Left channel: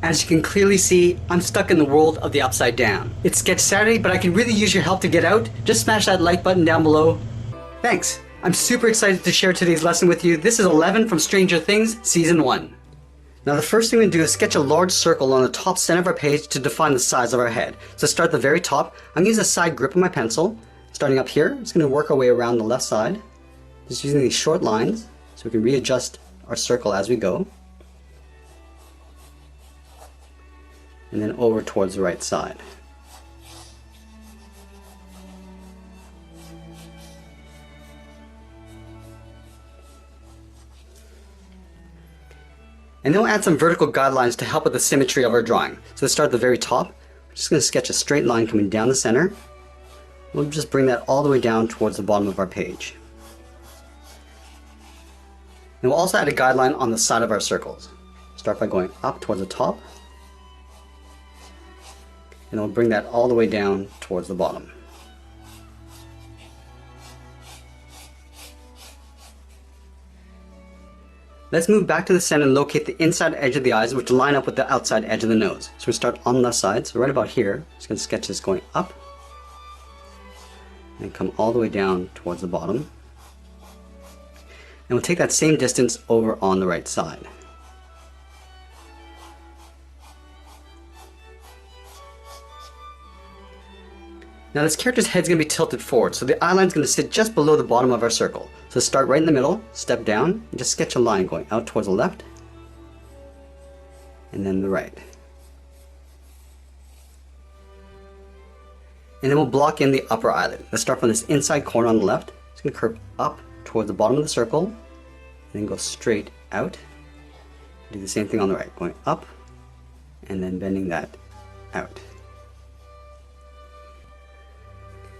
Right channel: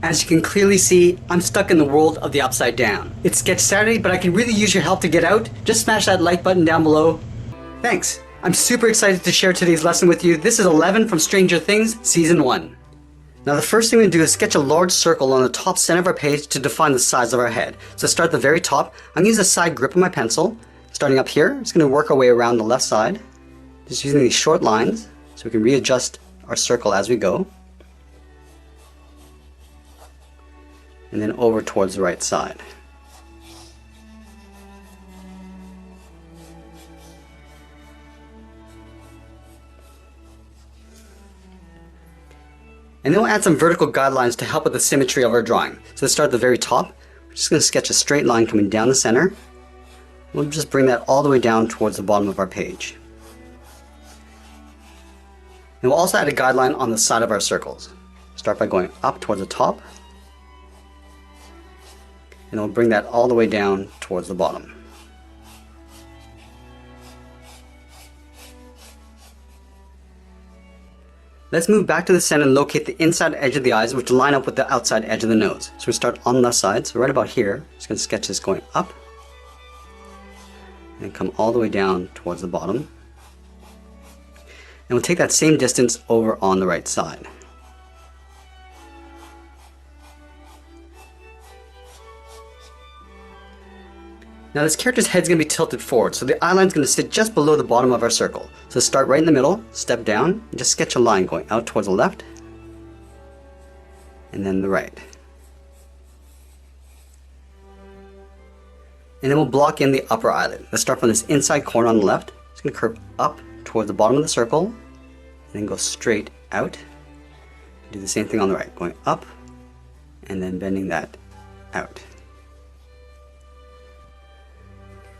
As you can clearly see, I'm stuck in the world of the upside down. It's Sketch Saturday, but I can really use your help to get out. Just smash that like button down below. Thanks! I'm super excited to share today's lesson with you. This is 11 from Stranger Things, Season 1. Now the first thing we do is sketch a large circle on the top center of our page to define the size of our head. So to start at the very top, I'm going to use a side grip of my pencil. Starting up here, it's going to work our way around the left side. Just using these short lines so we can readjust our circle as we go. And then over towards the right side. And then we'll add some vertical guidelines to help with the symmetry of our drawing. So to start at the very top, we're just going to sketch a straight line coming down the center. We'll just bring that all the way down towards the bottom of our page. And we'll also add a guideline on the side of our circles. Start by going up towards the top. And we'll bring that all the way down towards the bottom. Let's move back to the center and locate the inside edge of the eyes, which line up with the outside edge of the nose. So we start on the left side, so right about here, I'm just going to sketch this going up and come all the way down towards the bottom. And we'll take that same distance over on the right side. Now this character's head's going to be tilted forward, so the eye line's going to sit just below the bottom of our circle. So start right in the middle, step down, and just sketch a line going out towards the left, and then the right. And then we'll block in the upper eyelid. Let's start from this inside corner on the left. It's going to curve up towards the bottom of the circle, and then go straight out. Do the same thing on the right, going up, and then bending that out.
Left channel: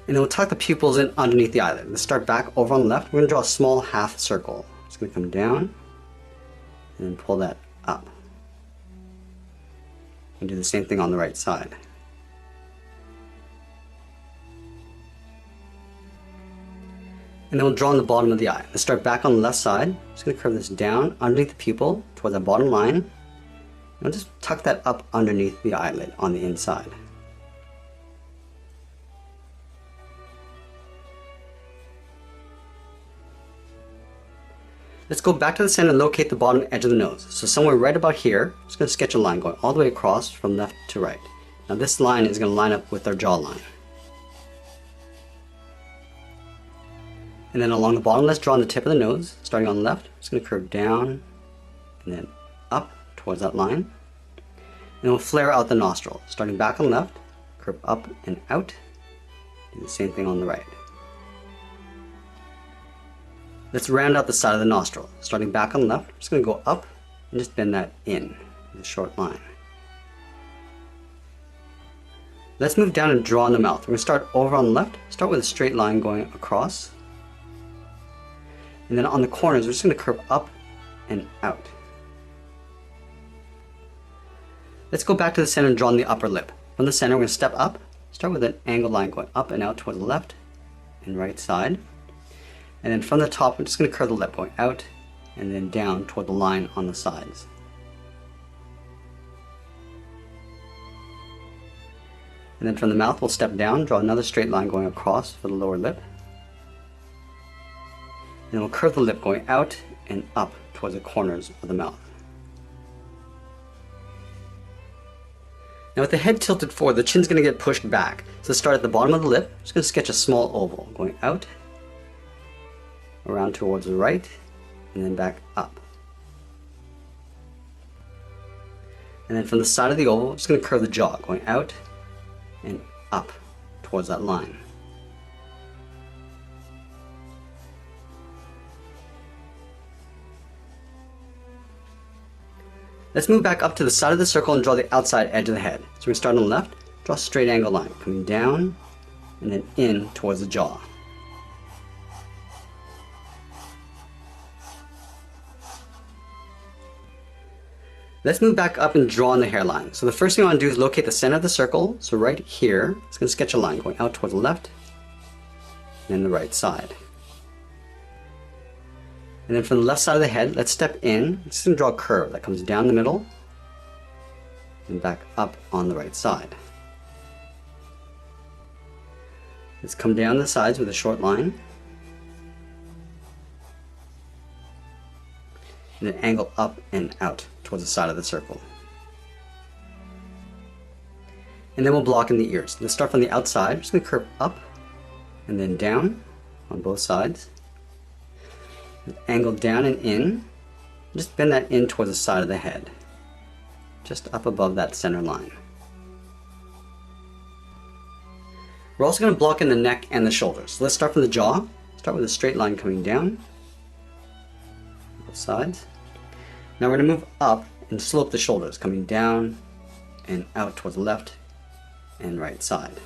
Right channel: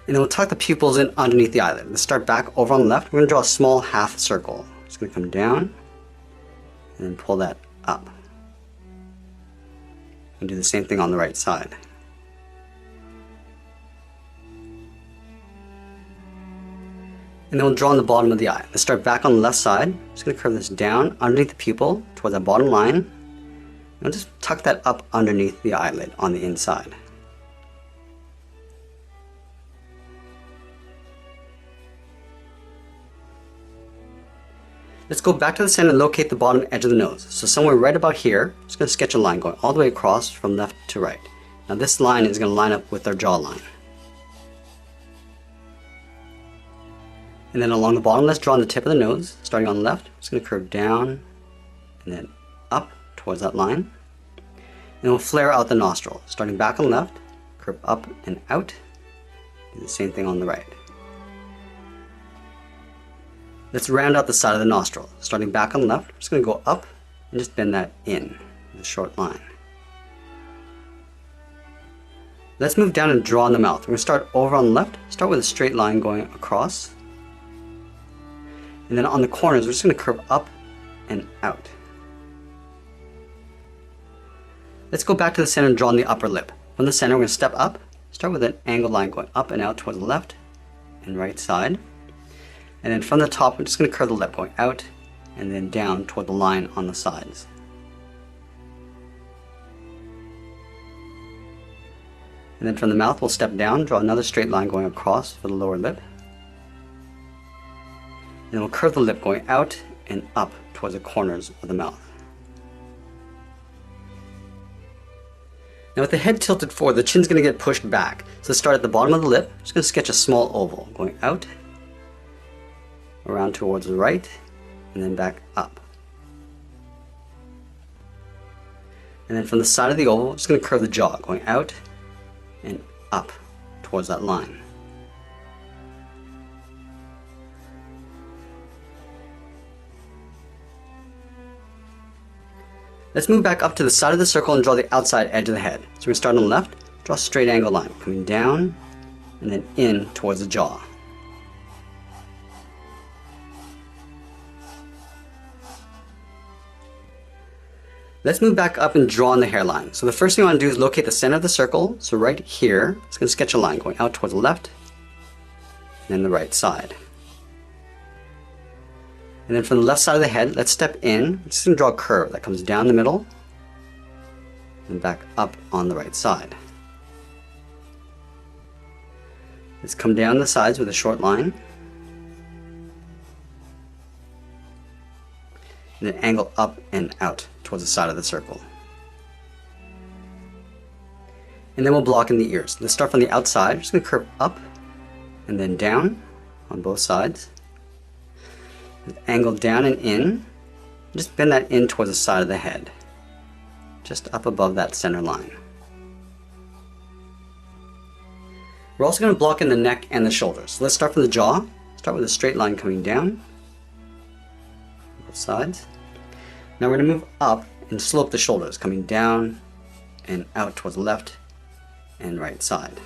And then we'll tuck the pupils in underneath the eyelid. Let's start back over on the left. We're going to draw a small half circle. It's going to come down and then pull that up. And do the same thing on the right side. And then we'll draw on the bottom of the eye. Let's start back on the left side. I'm just going to curve this down underneath the pupil towards that bottom line. And we'll just tuck that up underneath the eyelid on the inside. Let's go back to the center and locate the bottom edge of the nose. So somewhere right about here, I'm just going to sketch a line going all the way across from left to right. Now this line is going to line up with our jawline. And then along the bottom, let's draw on the tip of the nose. Starting on the left, I'm just going to curve down and then up towards that line. And we'll flare out the nostril. Starting back on the left, curve up and out. Do the same thing on the right. Let's round out the side of the nostril. Starting back on the left, I'm just going to go up and just bend that in with a short line. Let's move down and draw on the mouth. We're going to start over on the left, start with a straight line going across. And then on the corners, we're just going to curve up and out. Let's go back to the center and draw on the upper lip. From the center, we're going to step up, start with an angled line going up and out toward the left and right side. And then from the top, we're just going to curve the lip going out and then down toward the line on the sides. And then from the mouth, we'll step down, draw another straight line going across for the lower lip. And then we'll curve the lip going out and up towards the corners of the mouth. Now with the head tilted forward, the chin's going to get pushed back. So start at the bottom of the lip, I'm just going to sketch a small oval going out, around towards the right, and then back up. And then from the side of the oval, I'm just going to curve the jaw, going out and up towards that line. Let's move back up to the side of the circle and draw the outside edge of the head. So we start on the left, draw a straight angle line, coming down and then in towards the jaw. Let's move back up and draw on the hairline. So the first thing I want to do is locate the center of the circle. So right here, it's going to sketch a line going out towards the left and then the right side. And then from the left side of the head, let's step in. It's going to draw a curve that comes down the middle and back up on the right side. Let's come down the sides with a short line, and then angle up and out towards the side of the circle. And then we'll block in the ears. Let's start from the outside. I'm just going to curve up and then down on both sides. Angle down and in. Just bend that in towards the side of the head, just up above that center line. We're also going to block in the neck and the shoulders. Let's start from the jaw. Start with a straight line coming down, both sides. Now we're going to move up and slope the shoulders, coming down and out towards the left and right side.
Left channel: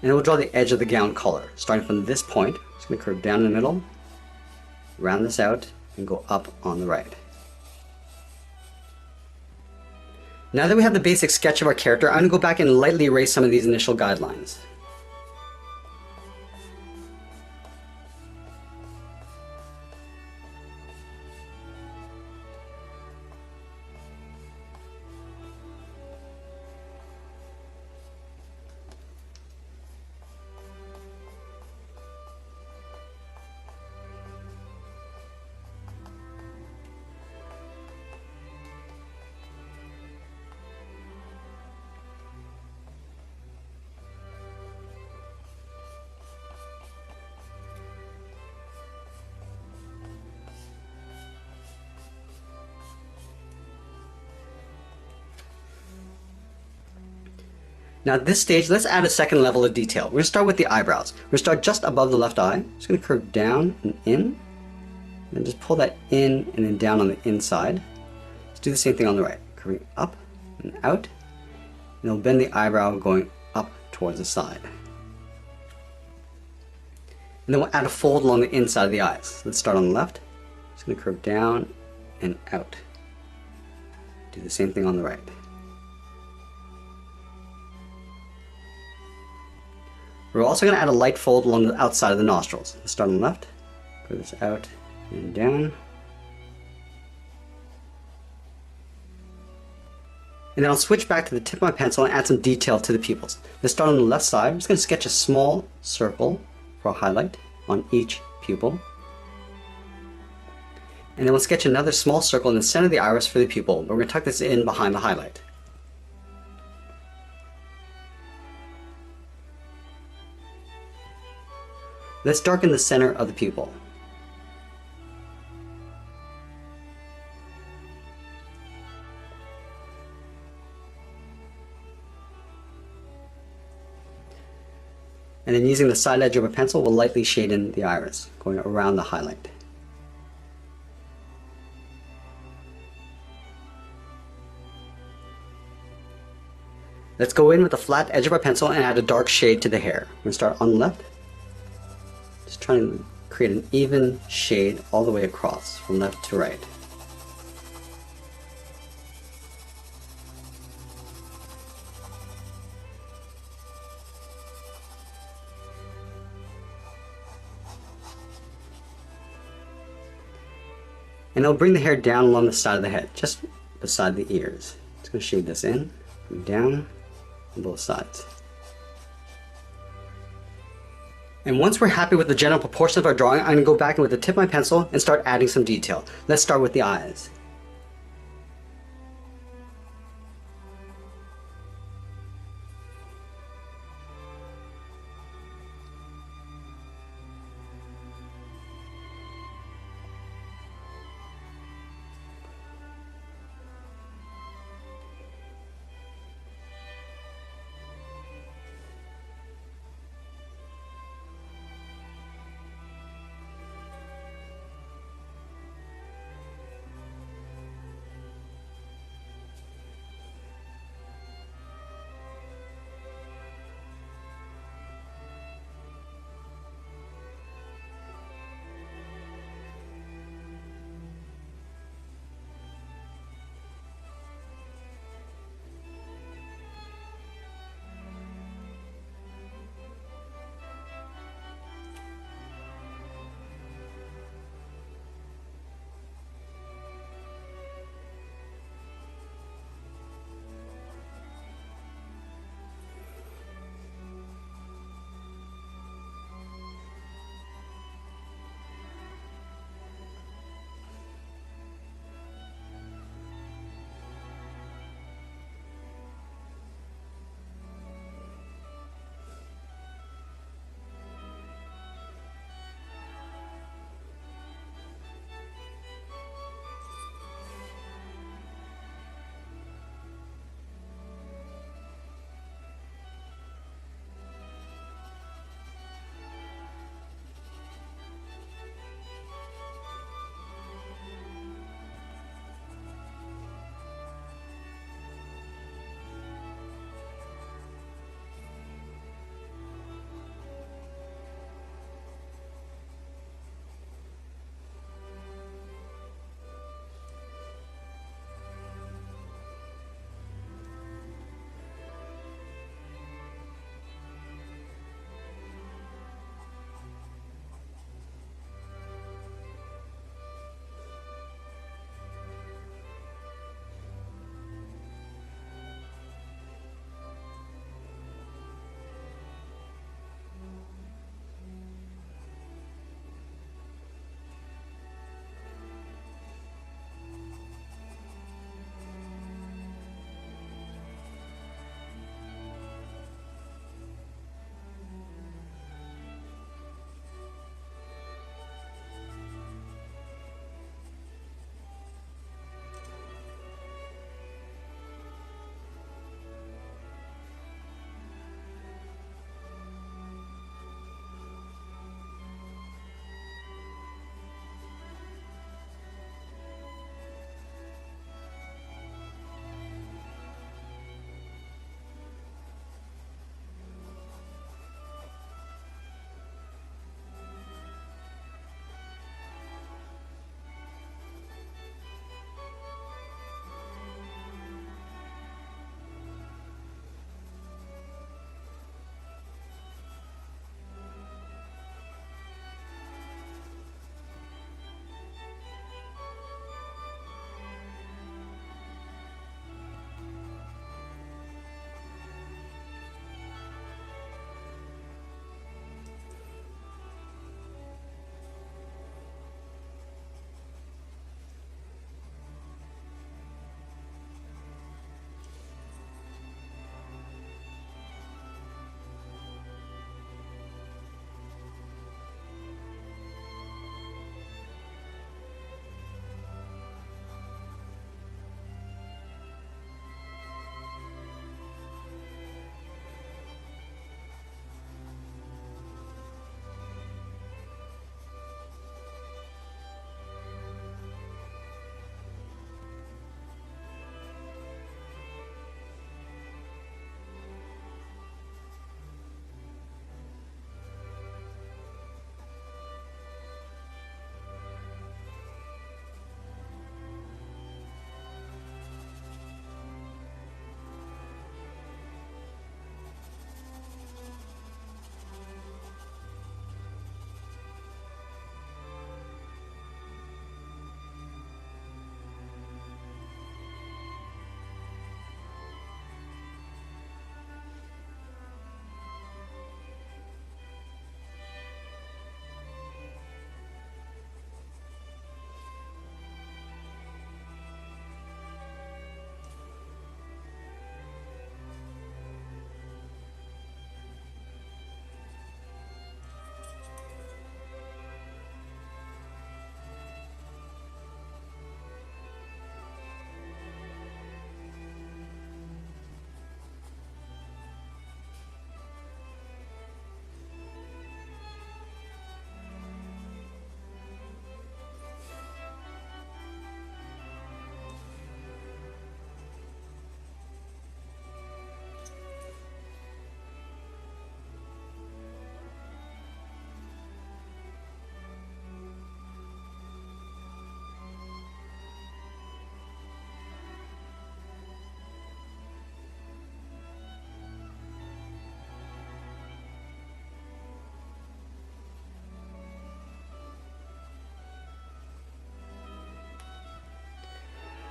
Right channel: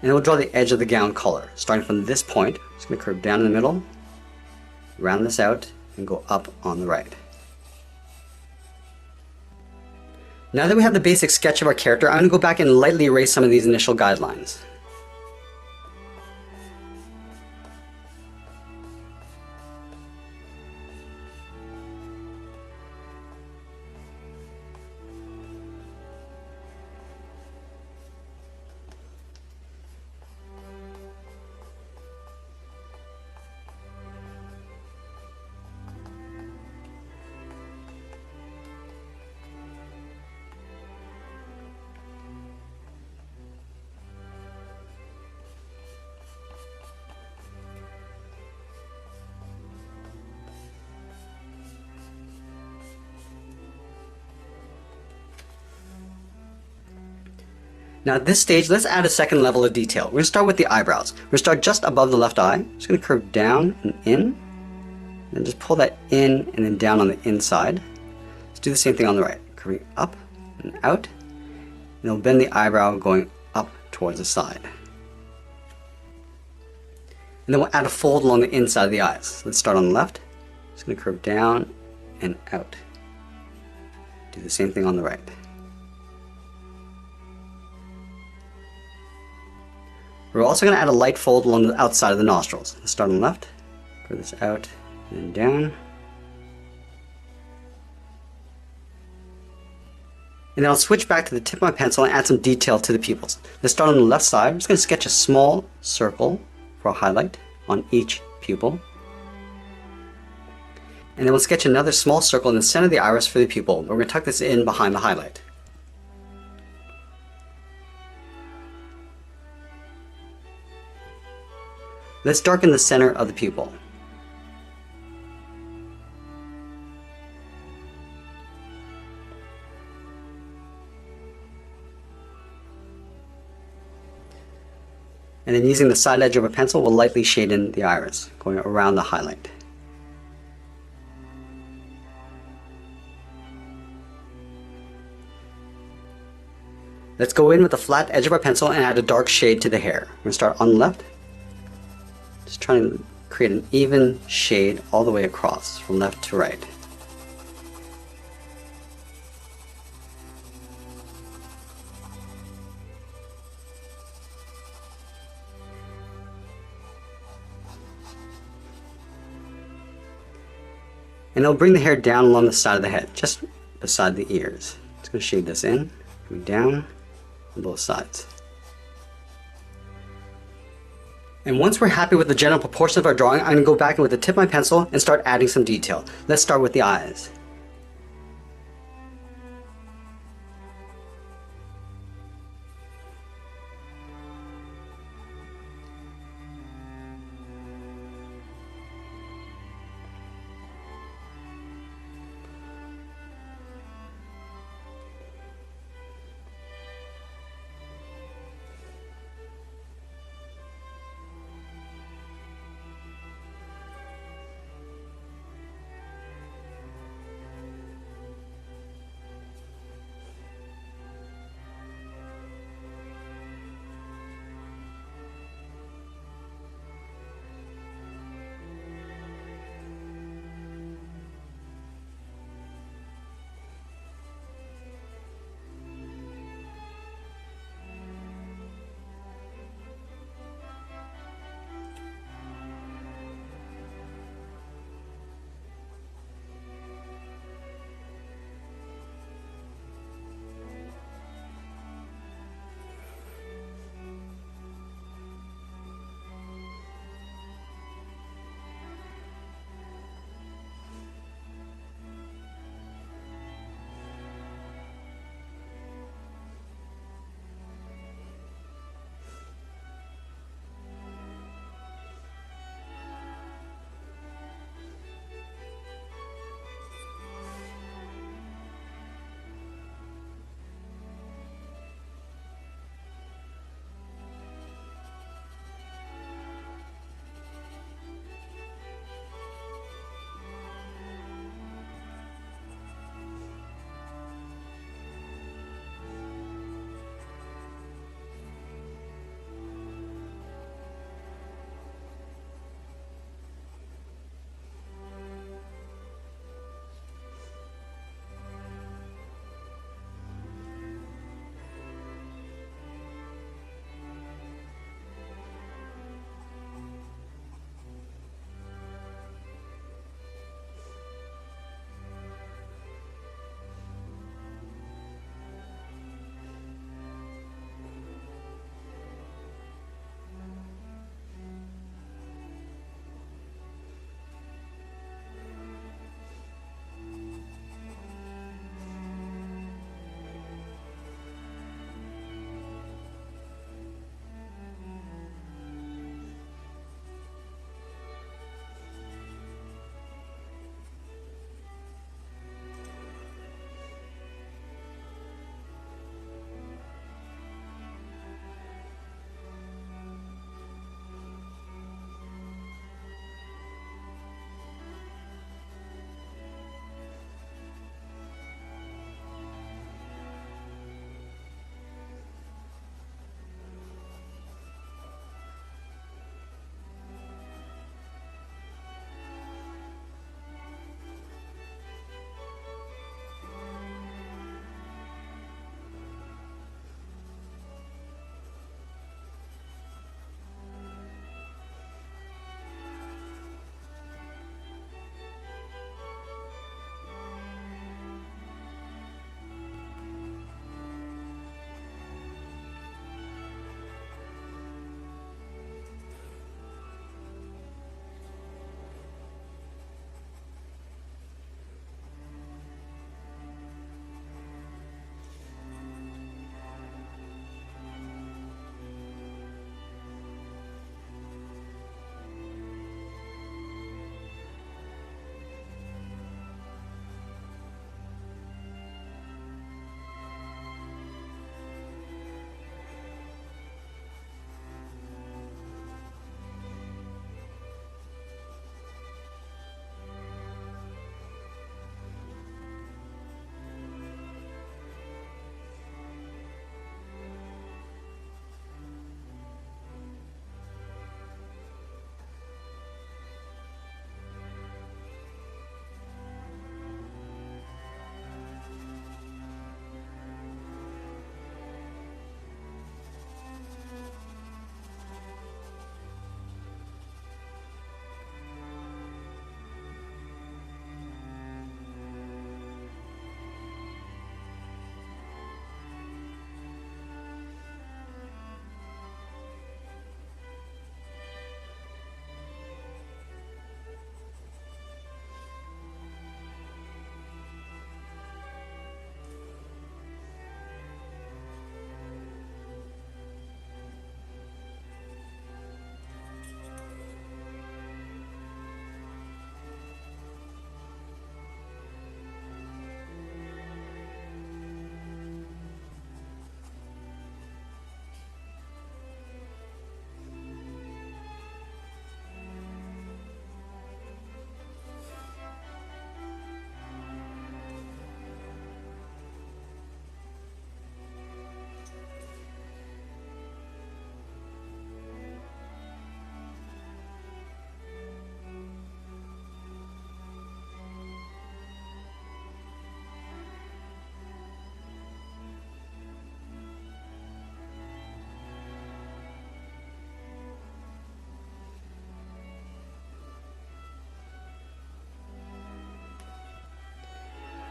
And then we'll draw the edge of the gown collar. Starting from this point, it's going to curve down in the middle, round this out, and go up on the right. Now that we have the basic sketch of our character, I'm going to go back and lightly erase some of these initial guidelines. Now at this stage, let's add a second level of detail. We're going to start with the eyebrows. We're going to start just above the left eye. Just going to curve down and in, and just pull that in and then down on the inside. Let's do the same thing on the right. Curving up and out, and we'll bend the eyebrow going up towards the side. And then we'll add a fold along the inside of the eyes. Let's start on the left. Just going to curve down and out. Do the same thing on the right. We're also going to add a light fold along the outside of the nostrils. Let's start on the left, curve this out and down. And then I'll switch back to the tip of my pencil and add some detail to the pupils. Let's start on the left side. I'm just going to sketch a small circle for a highlight on each pupil. And then we'll sketch another small circle in the center of the iris for the pupil. We're going to tuck this in behind the highlight. Let's darken the center of the pupil. And then using the side edge of a pencil, we'll lightly shade in the iris, going around the highlight. Let's go in with the flat edge of our pencil and add a dark shade to the hair. We're going to start on the left. Just trying to create an even shade all the way across, from left to right. And it'll bring the hair down along the side of the head, just beside the ears. Just going to shade this in, down on both sides. And once we're happy with the general proportion of our drawing, I'm going to go back with the tip of my pencil and start adding some detail. Let's start with the eyes.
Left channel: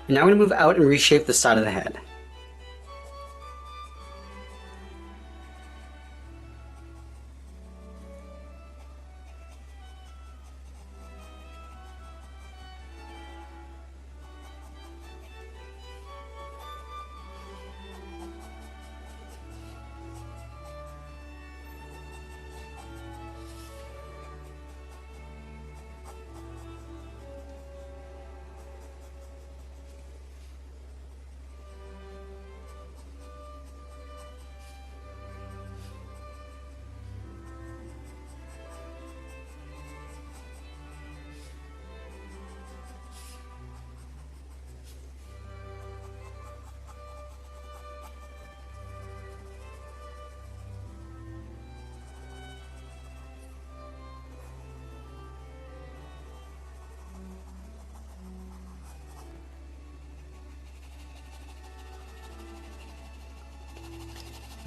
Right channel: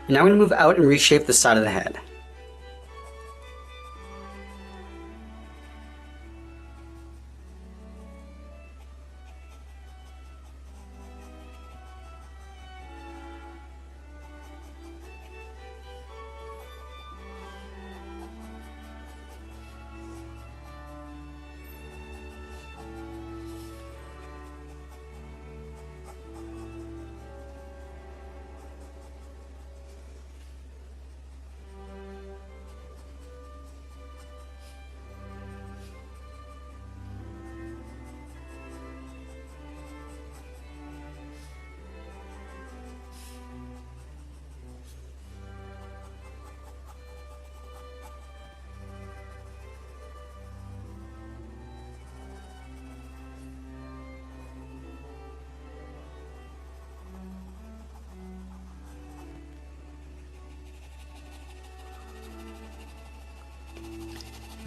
Now I'm going to move out and reshape the side of the head.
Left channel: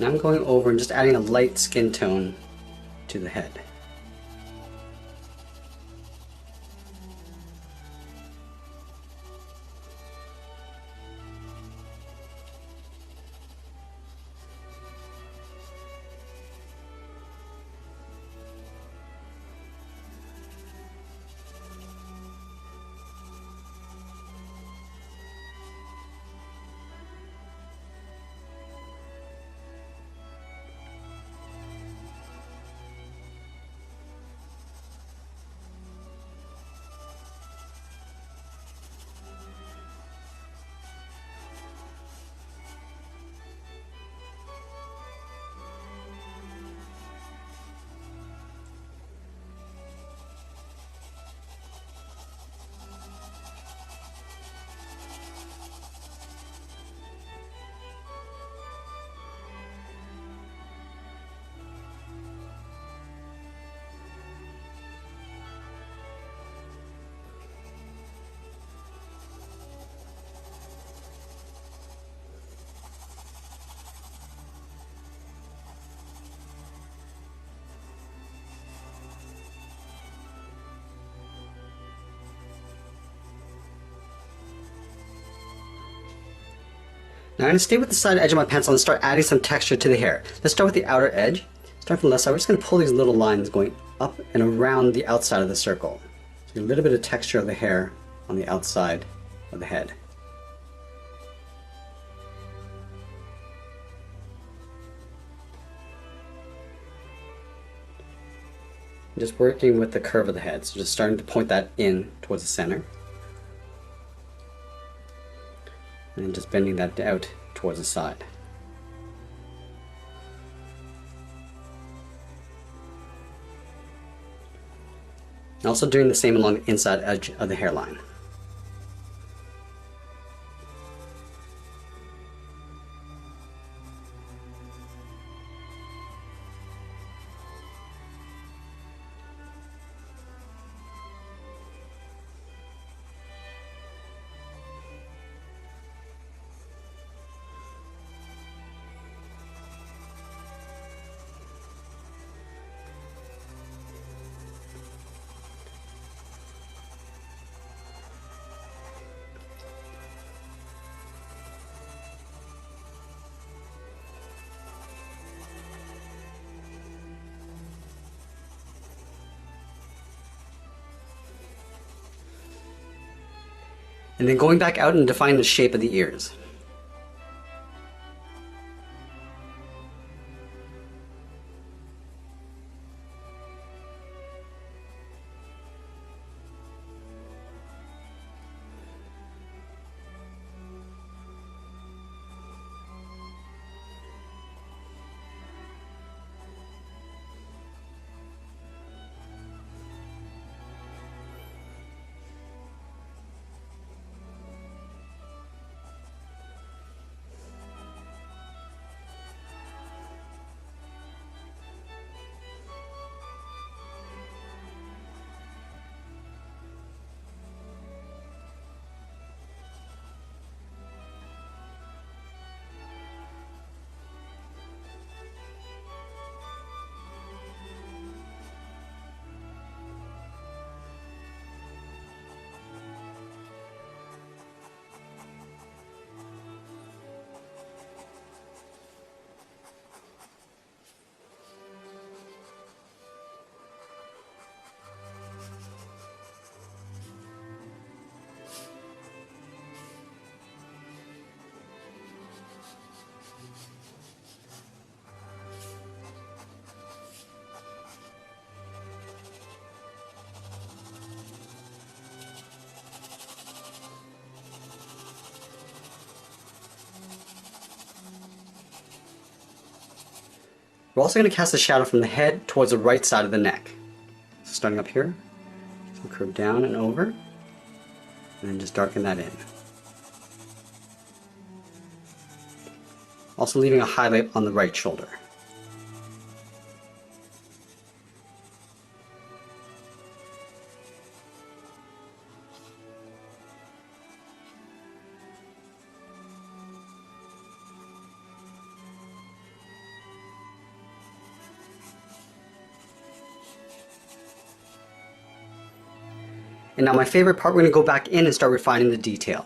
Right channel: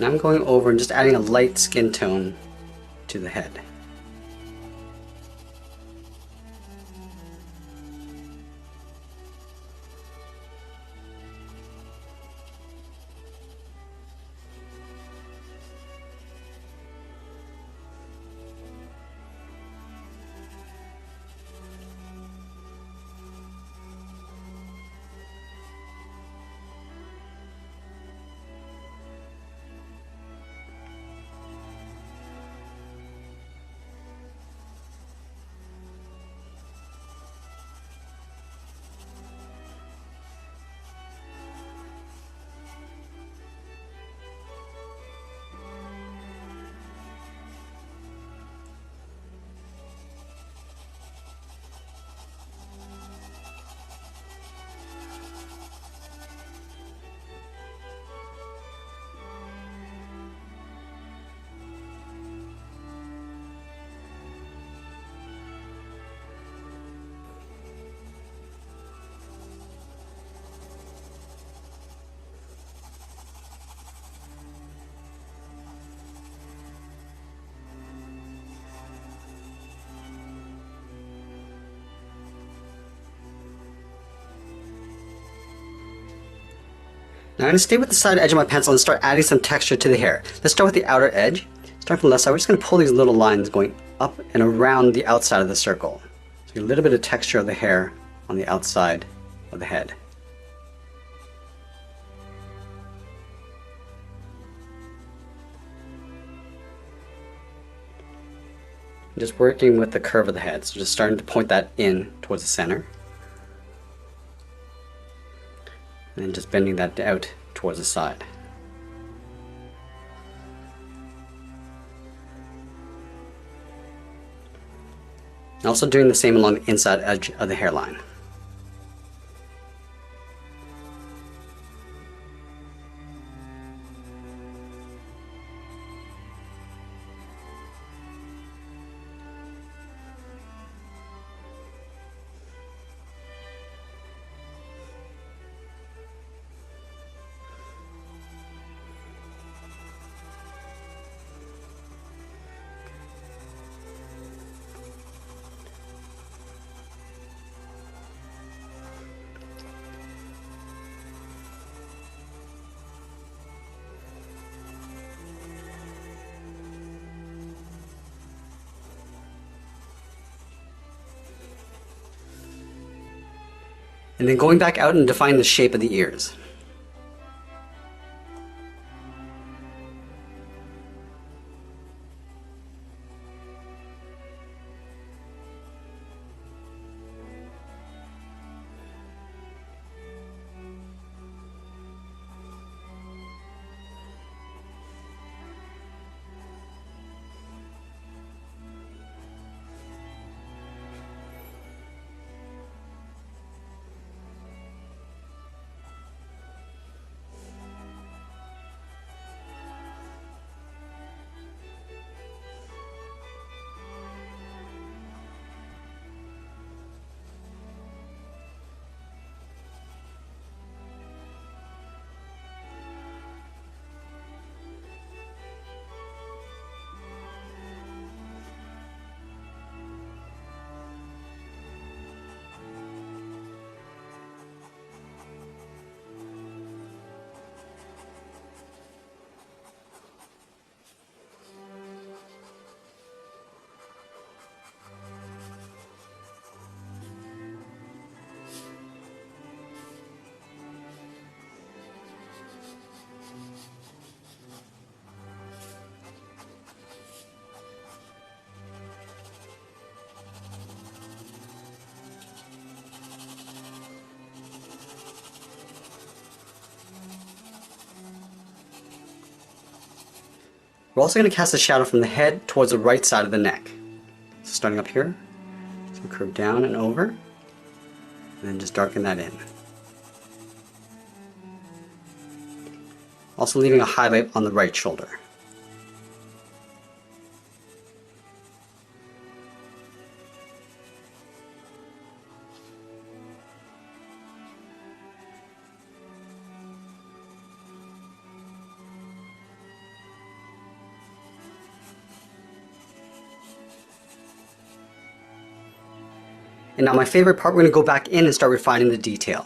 Now I'm going over and just adding a light skin tone to the head. Now I'm going to stay with the side edge of my pencil and start adding some texture to the hair. Let's start with the outer edge. Start from the left side. We're just going to pull these little lines going up and around the outside of the circle. So get a little bit of texture of the hair on the outside of the head. Just working with the curve of the head. So just starting to point that in towards the center. And then just bending that out towards the side. Also doing the same along the inside edge of the hairline. And then going back out and define the shape of the ears. We're also going to cast a shadow from the head towards the right side of the neck. So starting up here, so curve down and over, and then just darken that in. Also leaving a highlight on the right shoulder. And now my favorite part, we're going to go back in and start refining the detail.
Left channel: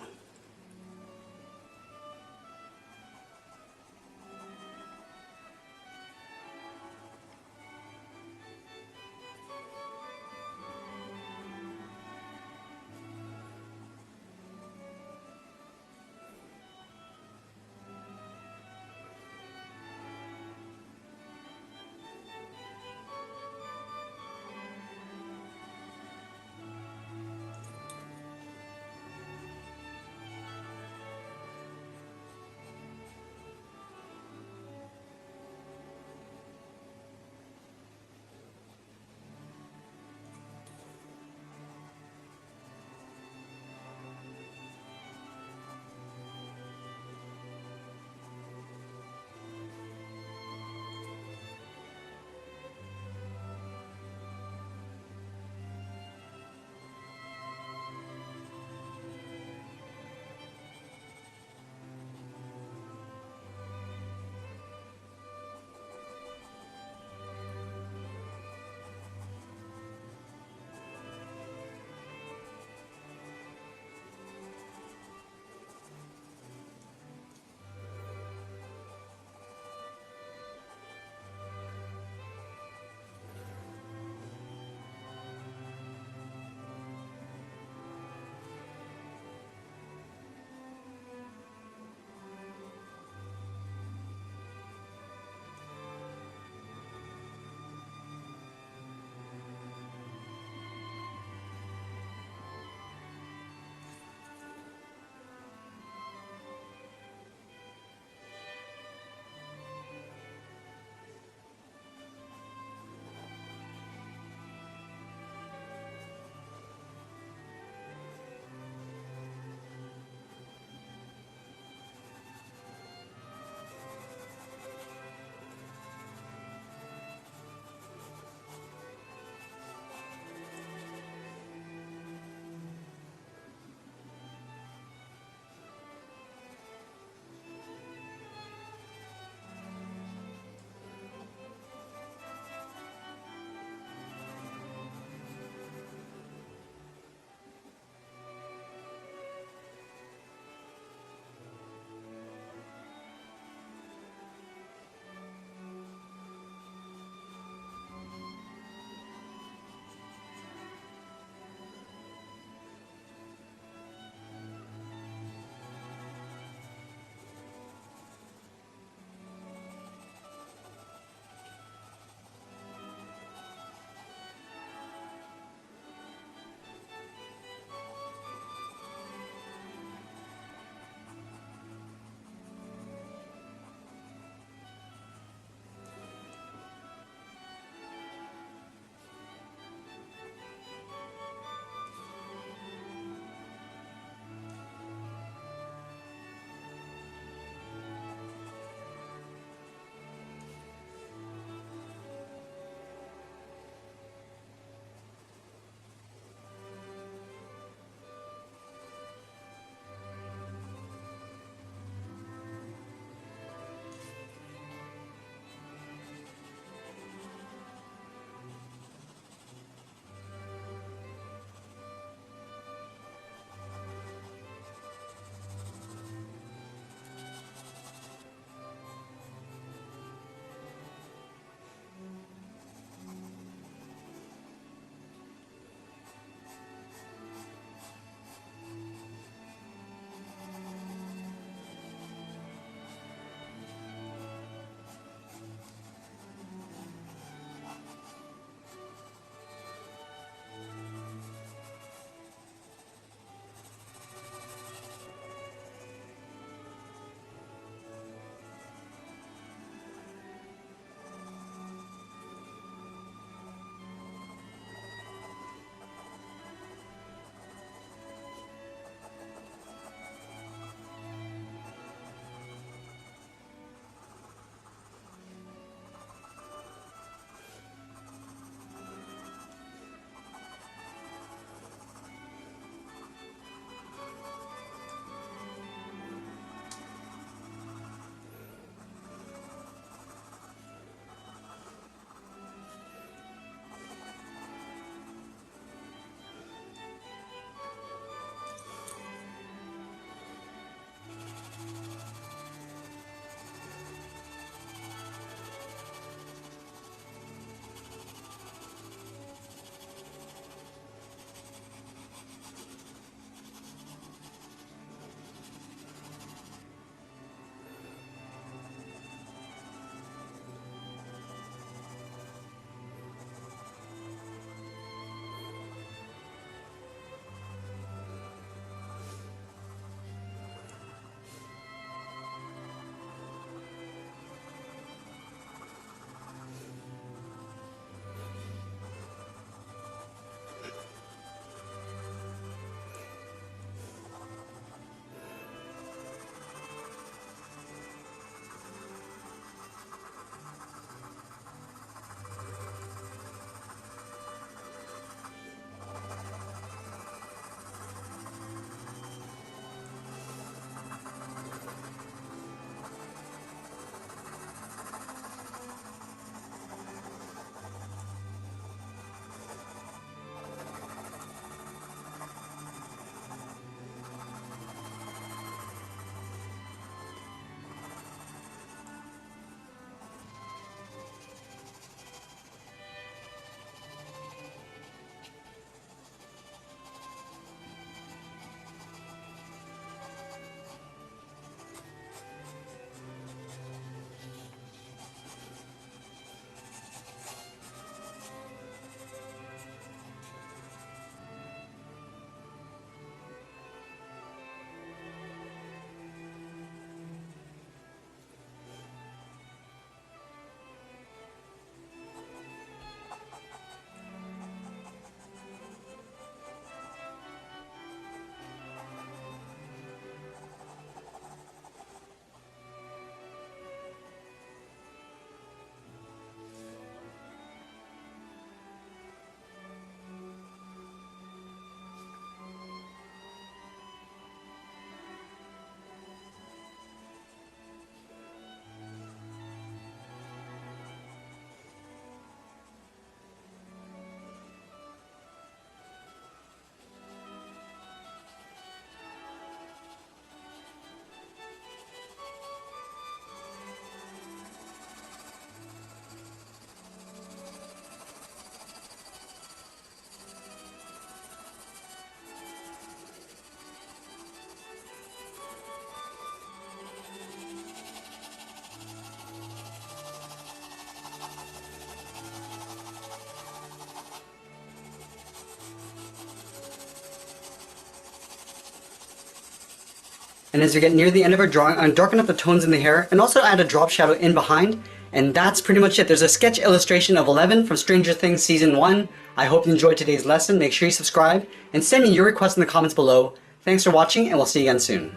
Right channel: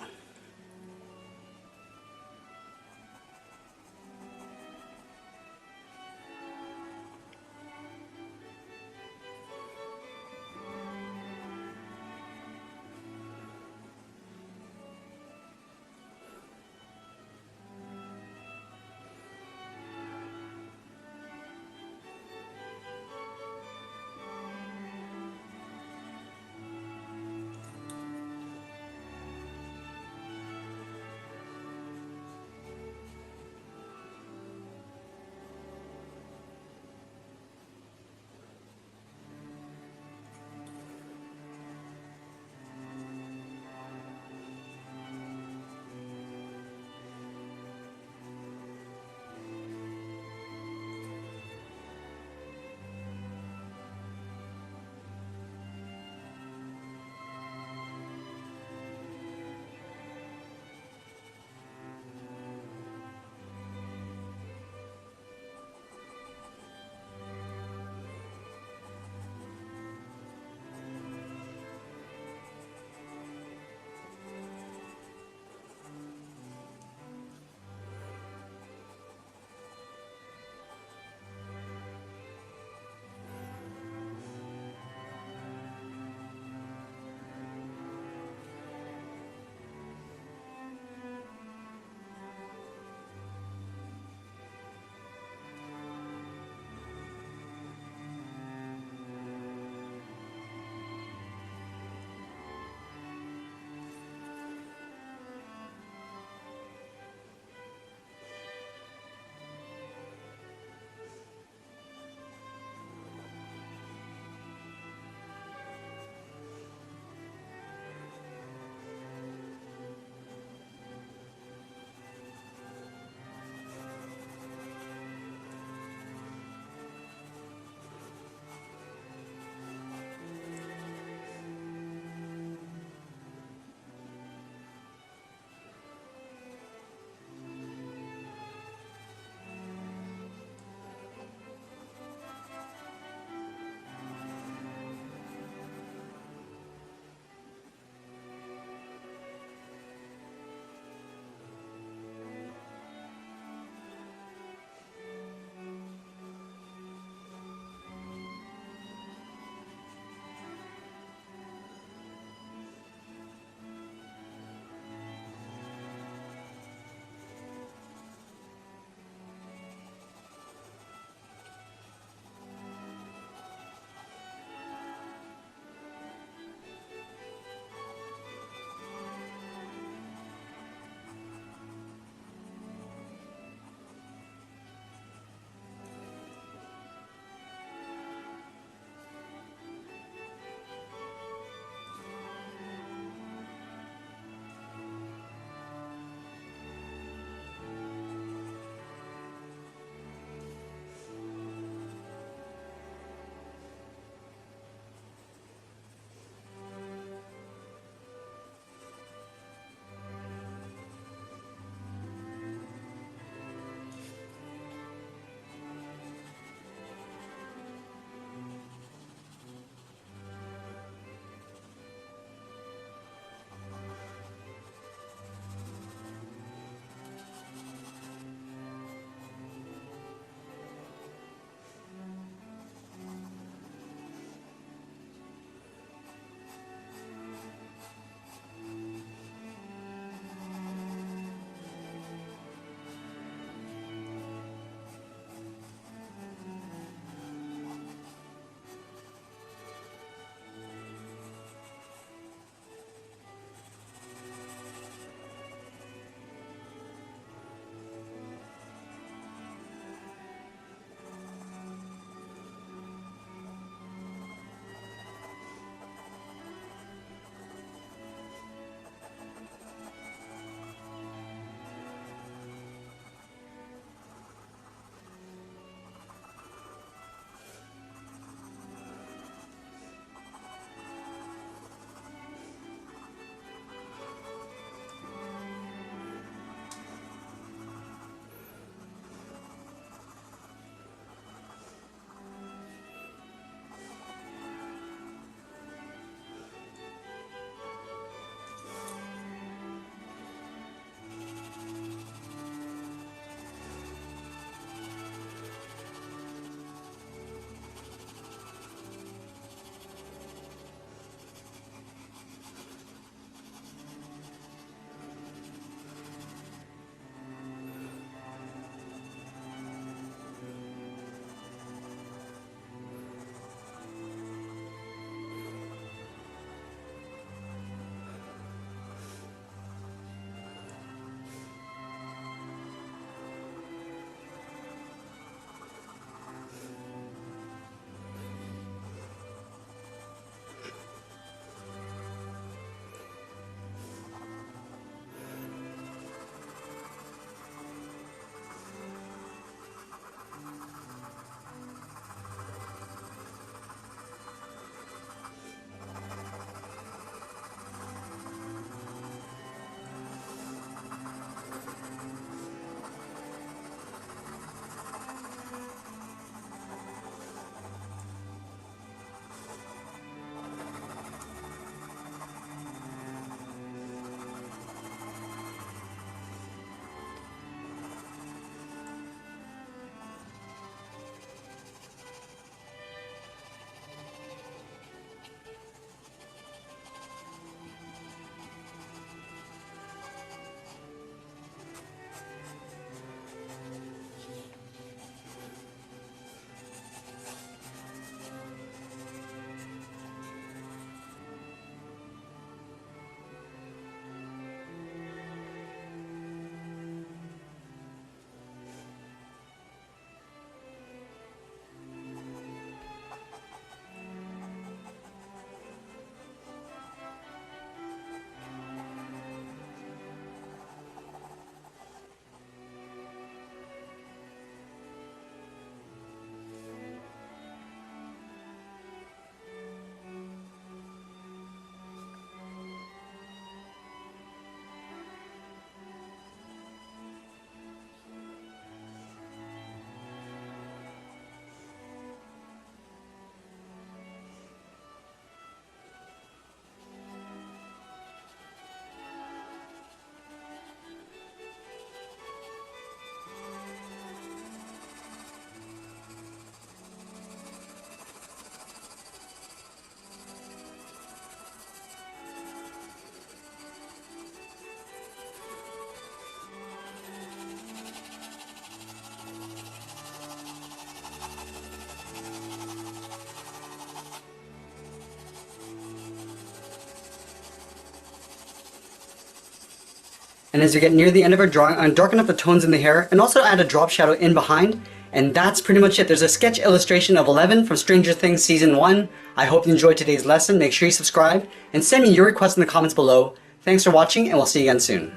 And as we get near the end of our drawing, I'm darken up the tones in the hair and also add a drop shadow in behind. And that's pretty much it. There's a sketch illustration of 11 from Stranger Things Season 1. I hope you enjoyed today's lesson. Make sure you subscribe and send me your requests in the comments below. Thanks for watching, and we'll see you again soon.